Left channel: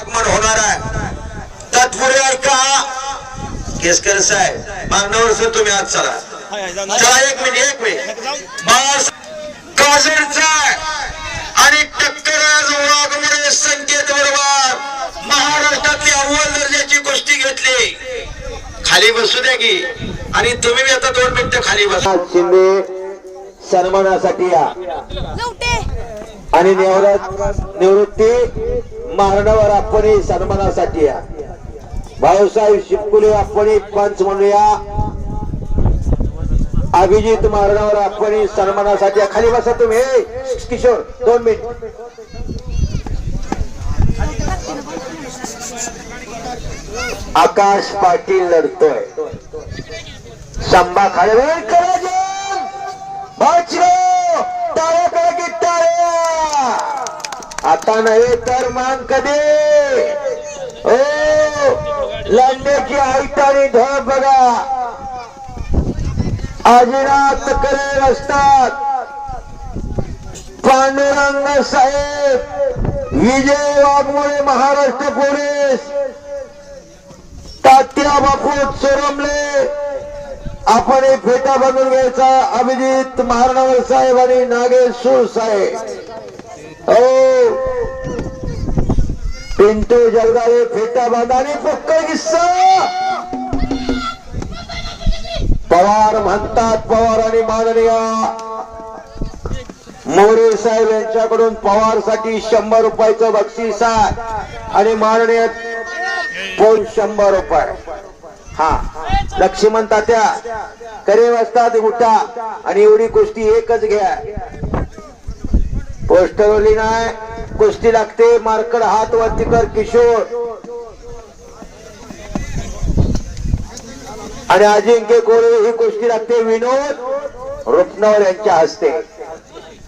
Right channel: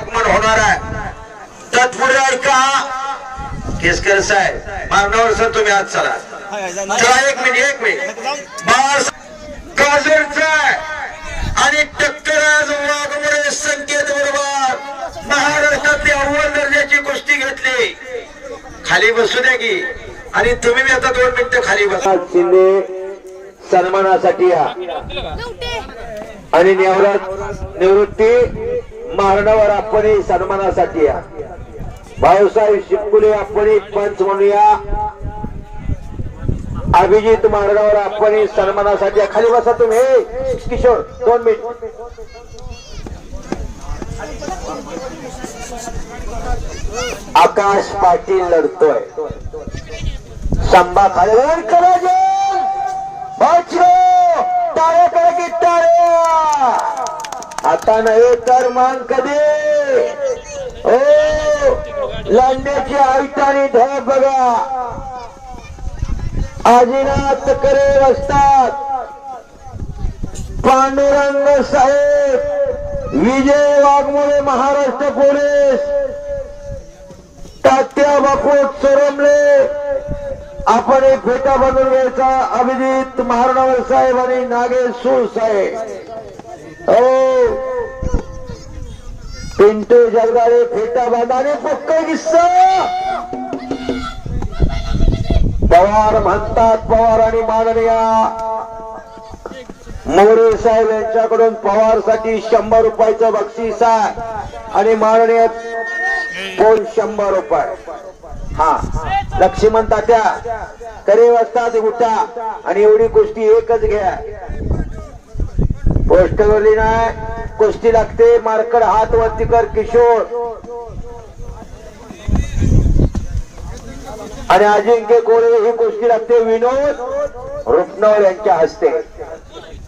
आगमन होणार आहे. तत्पूर्वी ऐका. केसकर साहेब मागण्यावर सर तुम्ही आज चला. चला एक मिनिट एक मिनिट. बाळ काजळचा आणि टक्कराज वाघमोडे संकेत बरोबर महाराष्ट्रातली अव्वल दर्जाची कुस्ती घेतली. खाली बसू द्या की. आणि तुम्ही बी आता दोन मिनिटं खाली बसा. शिंदे सन्मानासाठी या. आणि निवृत्त निवृत्ती मारणावर आपण सन्मानासाठी या. भाऊसाहेब शिपकुले आपण पंच म्हणूया अभिजित मारणावर आपण सन्मानासाठी या. खाली बसा तुम्ही. किशोर दोन मिनिट. आकाश पाटील लढतोय. संभा खाली करा वाचलो टाळ्या टाळ्या आता नव्हे तर मान कधी? हो, ओ लांड्याची आयतानी ढग बघा. आजीनाथ करे असतात पांडुरंग साहेब विजय वाघमोळे महाराष्ट्र पोलीस. तात्या बापू चोरमले आपण एक फेटा बनवून घ्यायचा अभिजित महाराणावर साहेब आणि नागेश सूर साहेब. पिंटू जगदाळे फेटा बांधा आणि किस्सा! पवार म्हणतात पवार आणि माननीय मोरे साहेब यांच्याकडून पवारसाठी शंभर रुपयाचं बक्षीस आहे आणि माननीय कोण शंभर रुपये? हा लक्ष्मण तात्या करे वाजतात उठा आणि एवढी गोष्टी एकच घ्या. पोस्टरवरली नाही कुस्ती लागते. मारकड हात वरती कर किशोर. आणि अजिंक्य कोरे ही कुस्ती लागते. विनोद रुपनवर यांच्या हस्ते.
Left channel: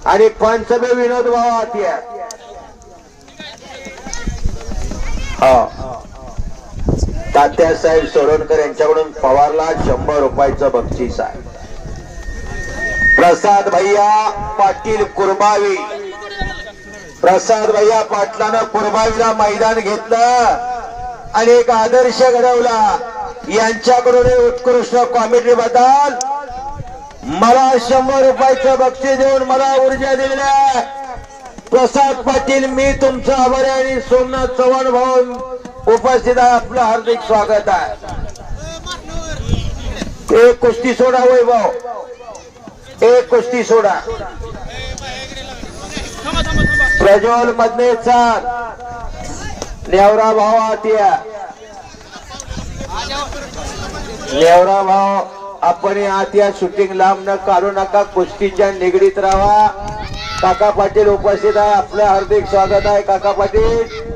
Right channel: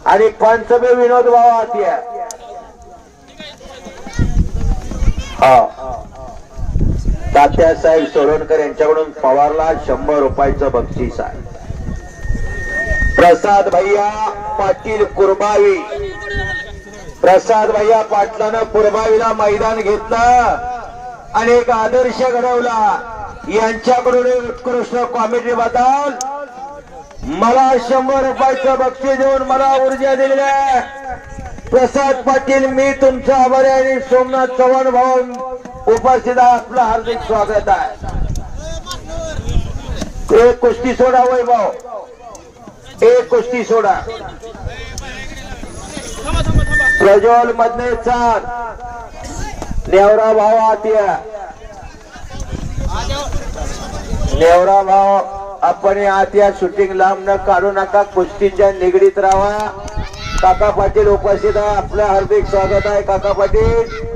आणि पंचमे विनोद भाऊ आतिया हा. तात्यासाहेब सोडणकर यांच्याकडून पवारला शंभर रुपयाचं बक्षीस आहे. प्रसाद भैया पाटील कुरबावी. प्रसाद भैया पाटलानं पुरबावीला मैदान घेतलं. आणि एक आदर्श घडवला. यांच्याकडून उत्कृष्ट कॉमेडी बद्दल मला शंभर रुपयाचं बक्षीस देऊन मला ऊर्जा दिलेल्या प्रसाद पाटील मी तुमचं आभारी आणि सोमनाथ चव्हाण भाऊ उपस्थित आहे. आपलं हार्दिक स्वागत आहे. एक कुस्ती सोडा वैभव. एक कुस्ती सोडा. प्रज्वल मधने चाल नेवरा भाव आतिया. नेवरा भाव आपण आतिया या शूटिंग लांब न काढू नका कुस्तीच्या निगडीत राहा. काका पाटील उपस्थित आहे. आपलं हार्दिक स्वागत आहे काका पाटील.